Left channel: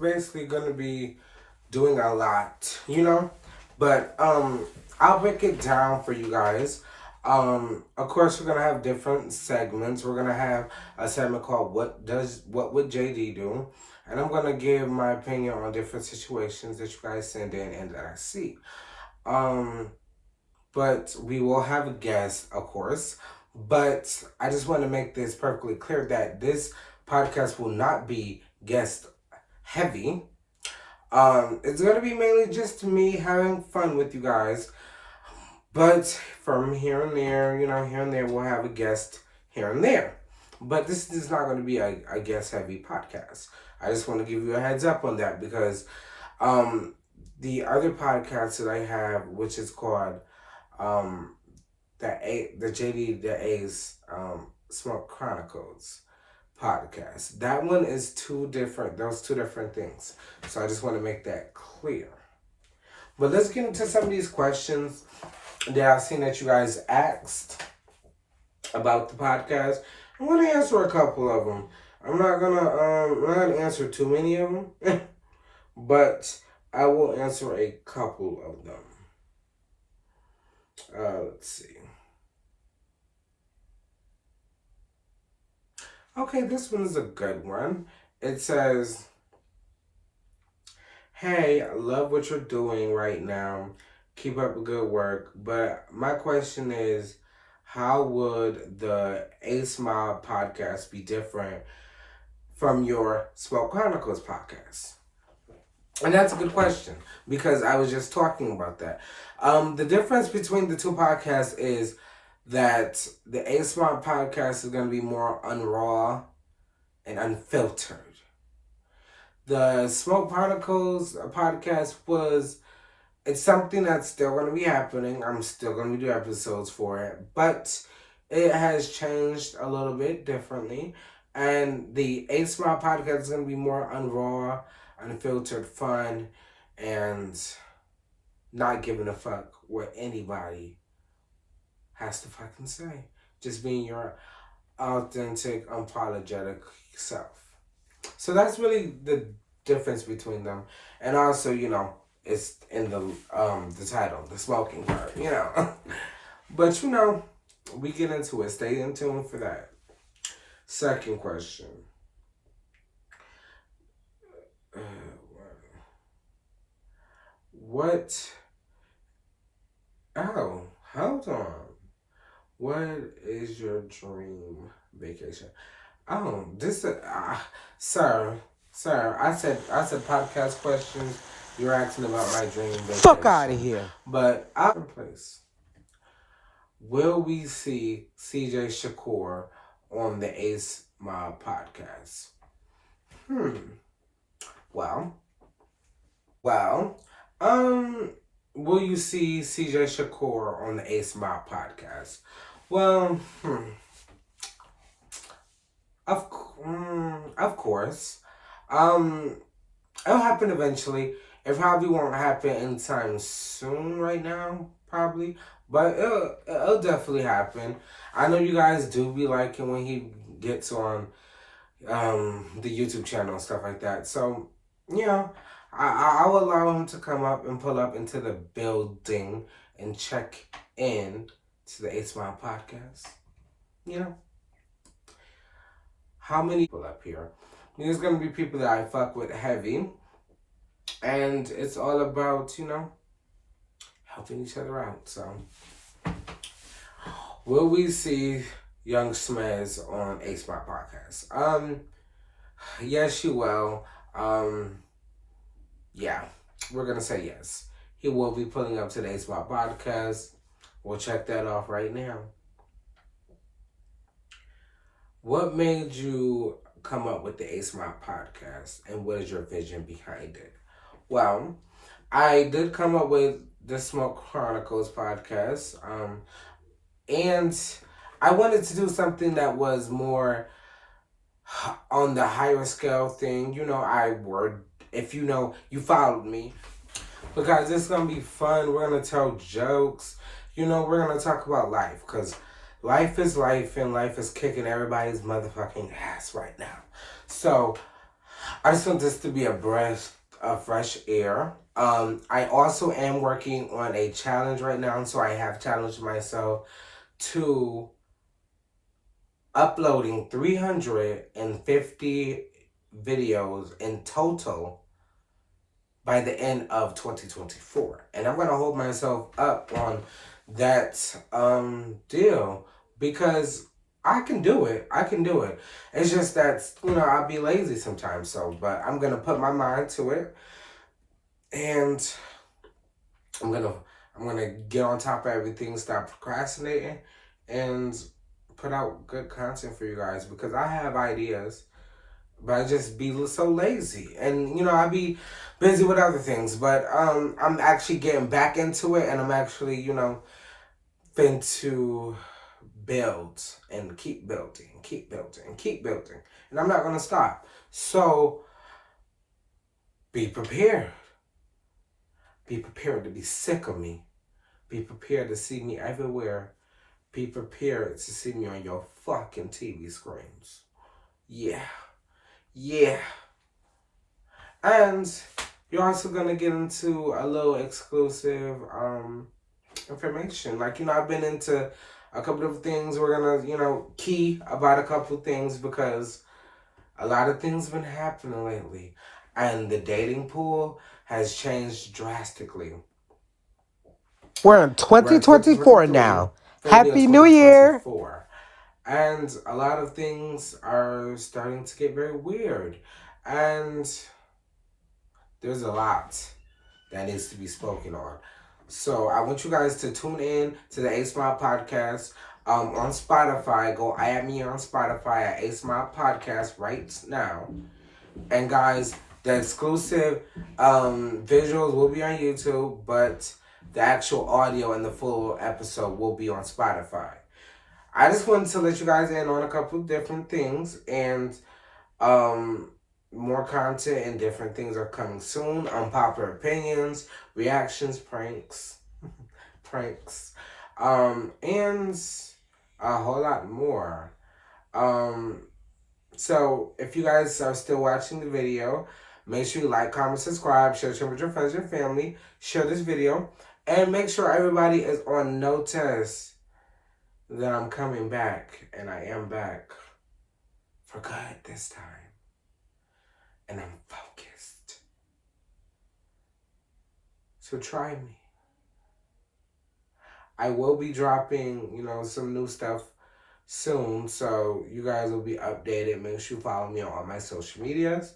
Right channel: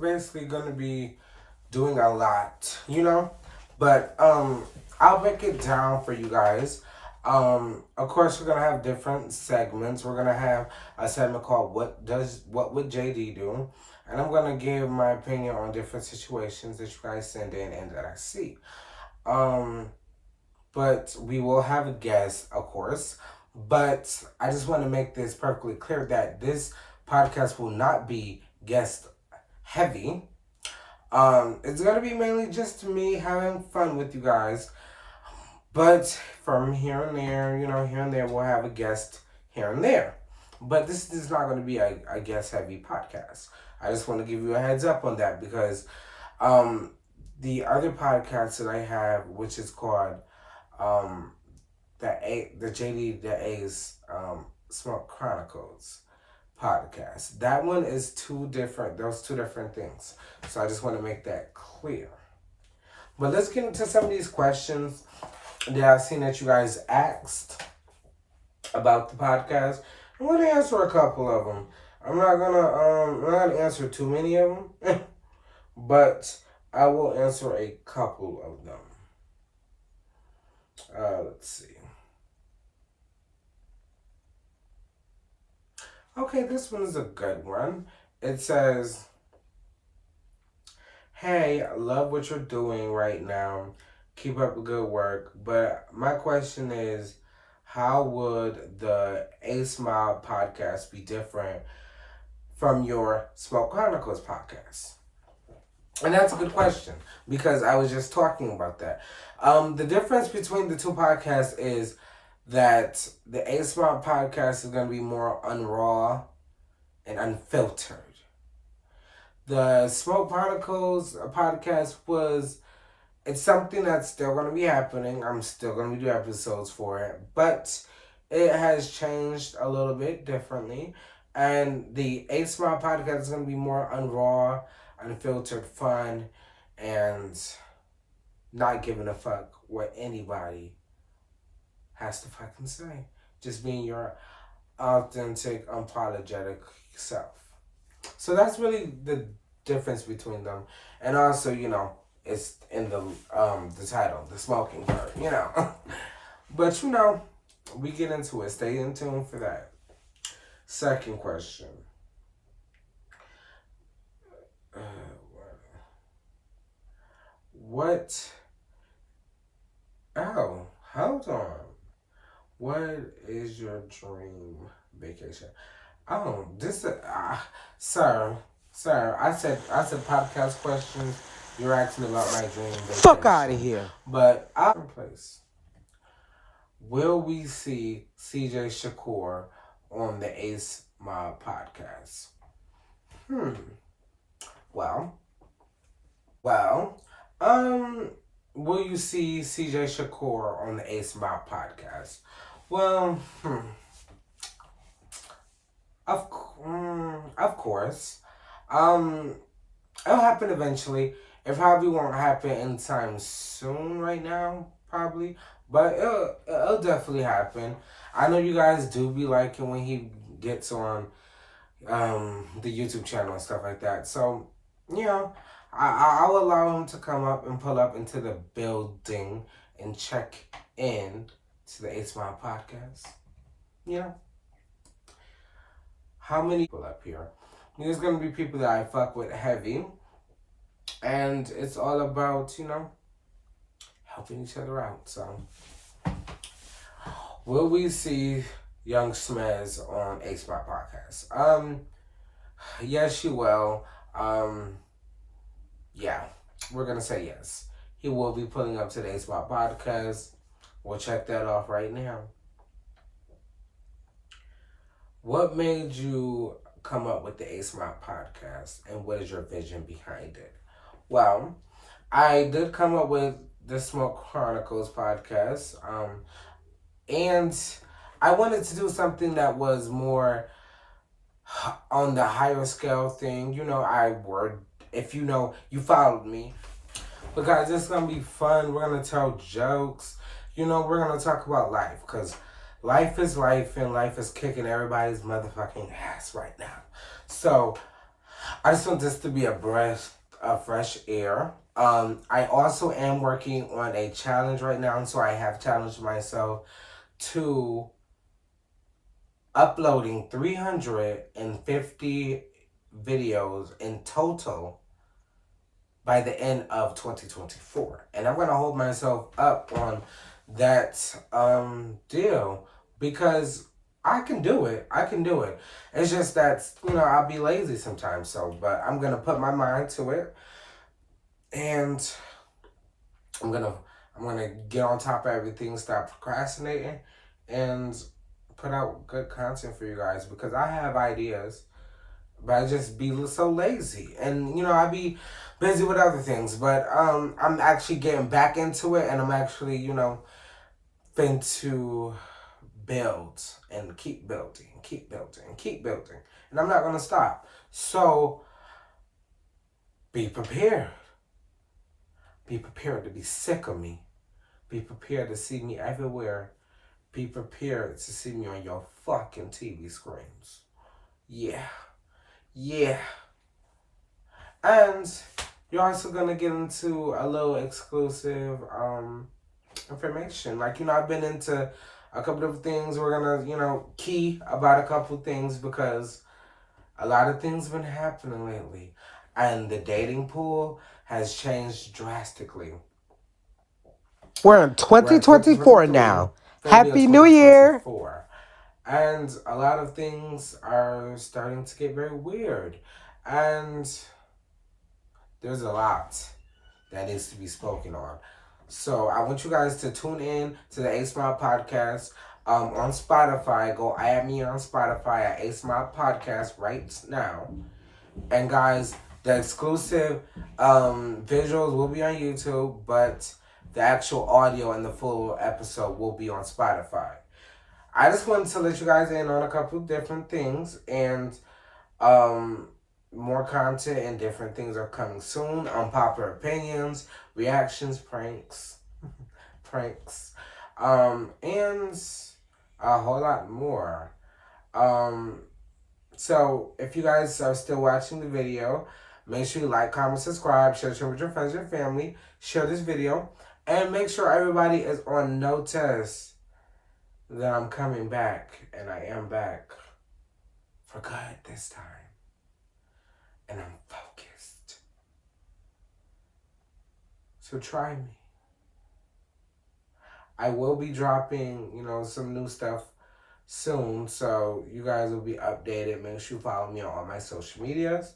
basically going to be doing a lot, but I'll break it down for you guys. Of course, we're gonna have different segments. We're gonna have a segment called "What Would JD Do," and I'm gonna give my opinion on different situations that you guys send in and that I see. Um, but we will have a guest, of course. But I just want to make this perfectly clear that this podcast will not be guest heavy. It's gonna be mainly just me having fun with you guys. But from here and there, here and there, we'll have a guest here and there. But this is not going to be a guest heavy podcast. I just want to give you a heads up on that because the other podcast that I have, which is called the JD the A's Smoke Chronicles podcast. That one is those two different things. So I just want to make that clear. But let's get into some of these questions that I've seen that you guys asked about the podcast. I'm gonna answer a couple of them. I'm not gonna answer too many of them, but I will answer a couple of them. Let's see. Okay, this one is a good one. It says, "Hey, I love what you're doing right now. Keep up the good work. But my question is, how would the ACEMOBB podcast be different from your Smoke Chronicles podcast?" And that's a good question because I was just talking about that. The difference between the two podcasts is that the ACEMOBB podcast is going to be more unraw and unfiltered. The Smoke Chronicles podcast it's something that's still going to be happening. I'm still going to be doing episodes for it. But it has changed a little bit differently. And the ACEMOBB podcast is going to be more unraw, unfiltered fun, and not giving a fuck what anybody has to fucking say. Just being your authentic, unapologetic self. So that's really the difference between them. And also, it's in the title, the smoking part, But we get into it. Stay in tune for that. Second question. Hold on. What is your dream vacation? Sir, I said podcast questions. You're asking about my dream vacation. Fuck out of here. But I'm place. Will we see CJ Shakur on the ACEMOBB podcast? Will you see CJ Shakur on the ACEMOBB podcast? Well, of course. It'll happen eventually. It probably won't happen anytime soon right now, probably. But it'll definitely happen. I know you guys do be liking when he gets on the YouTube channel and stuff like that. So, I'll allow him to come up and pull up into the building and check in to the ACEMOBB podcast. How many people up here? There's going to be people that I fuck with heavy. And it's all about, helping each other out. So, will we see Young Smez on ACEMOBB podcast? Yes, you will. Yeah, we're going to say yes. He will be pulling up to the ACEMOBB podcast. We'll check that off right now. What made you come up with the ACEMOBB podcast, and what is your vision behind it? Well, I did come up with the Smoke Chronicles podcast, and I wanted to do something that was more on the higher scale thing. If you followed me, because it's going to be fun. We're going to tell jokes. We're going to talk about life, because life is life, and life is kicking everybody's motherfucking ass right now. So, I just want this to be a breath of fresh air. I also am working on a challenge right now, so I have challenged myself to uploading 350 videos in total by the end of 2024. And I'm going to hold myself up on that deal because I can do it. I can do it. It's just that, I'll be lazy sometimes. So, but I'm going to put my mind to it, and I'm going to get on top of everything, stop procrastinating, and put out good content for you guys because I have ideas, but I just be so lazy, and I be busy with other things. But I'm actually getting back into it, and I'm actually fin to build and keep building, keep building, and keep building, and I'm not gonna stop. So be prepared. Be prepared to be sick of me. Be prepared to see me everywhere. Be prepared to see me on your fucking TV screens. Yeah. Yeah. And you're also gonna get into a little exclusive information. Like, I've been into a couple of things. We're gonna, key about a couple of things because a lot of things have been happening lately. And the dating pool has changed drastically. We're in 2024 now. Happy New Year! And a lot of things are starting to get very weird. And there's a lot that needs to be spoken on. So I want you guys to tune in to the ACEMOBB podcast on Spotify. Go add me on Spotify at ACEMOBB podcast right now. And guys, the exclusive visuals will be on YouTube, but the actual audio and the full episode will be on Spotify. I just wanted to let you guys in on a couple of different things, and more content and different things are coming soon. Unpopular opinions, reactions, pranks, and a whole lot more. So if you guys are still watching the video, make sure you like, comment, subscribe, share it with your friends and family, share this video, and make sure everybody is on notice that I'm coming back, and I am back for good this time. And I'm focused. So try me. I will be dropping, some new stuff soon, so you guys will be updated. Make sure you follow me on all my social medias.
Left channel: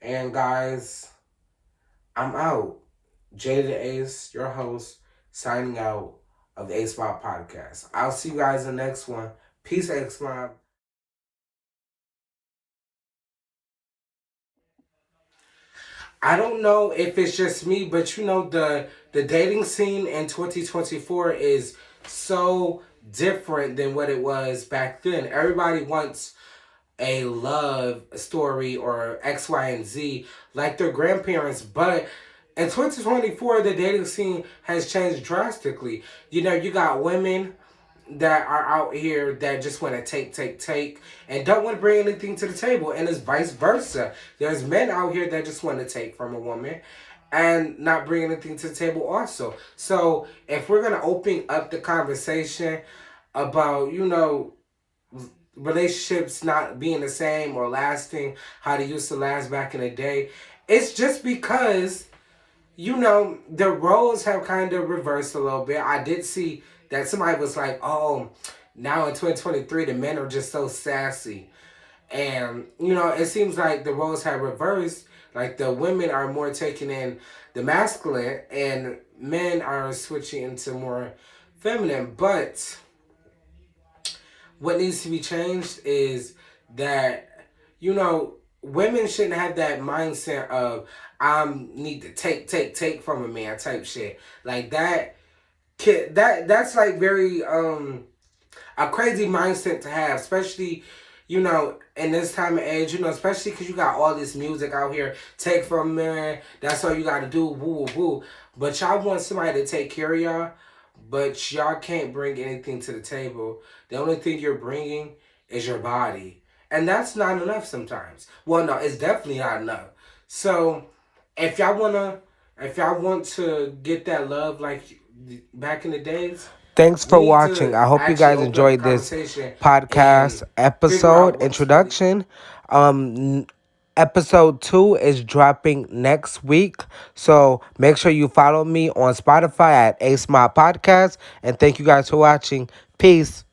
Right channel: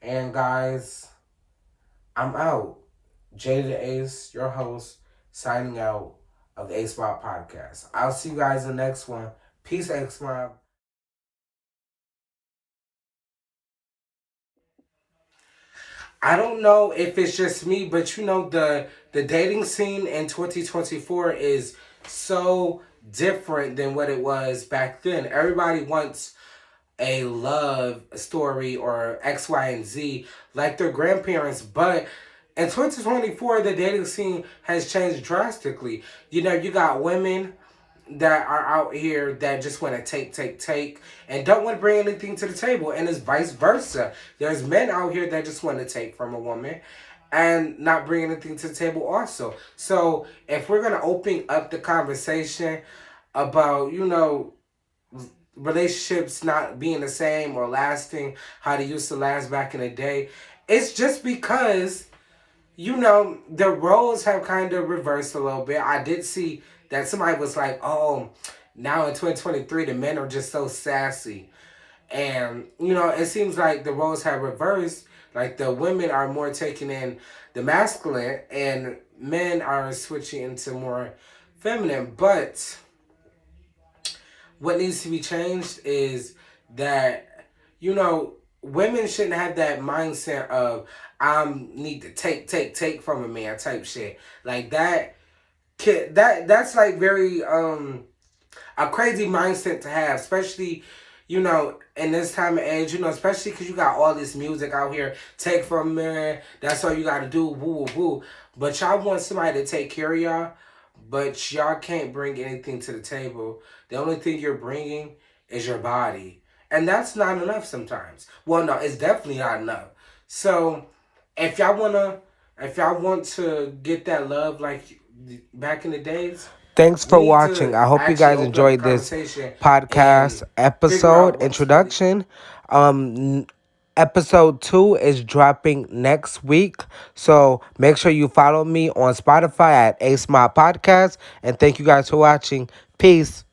And guys, I'm out. Jay the Ace, your host, signing out of the ACEMOBB podcast. I'll see you guys in the next one. Peace, ACEMOBB. I don't know if it's just me, but the dating scene in 2024 is so different than what it was back then. Everybody wants a love story or X, Y, and Z like their grandparents, but in 2024, the dating scene has changed drastically. You got women that are out here that just want to take, and don't want to bring anything to the table. And it's vice versa. There's men out here that just want to take from a woman and not bring anything to the table also. So if we're going to open up the conversation about, relationships not being the same or lasting how they used to last back in the day, it's just because the roles have kind of reversed a little bit. I did see that somebody was like, oh, now in 2023, the men are just so sassy. And, it seems like the roles have reversed. Like the women are more taking in the masculine and men are switching into more feminine. But what needs to be changed is that, women shouldn't have that mindset of I need to take from a man type shit. Like that's like very a crazy mindset to have, especially in this time of age, especially because you got all this music out here, take from a man, that's all you got to do, woo woo woo. But y'all want somebody to take care of y'all, but y'all can't bring anything to the table. The only thing you're bringing is your body. And that's not enough sometimes. Well, no, it's definitely not enough. So if y'all wanna, if y'all want to get that love like back in the days, Thanks we for need watching. to I hope you actually guys open up the enjoyed this conversation podcast and figure episode out what's really. introduction. Episode 2 is dropping next week. So make sure you follow me on Spotify at ACEMOBB Podcast. And thank you guys for watching. Peace.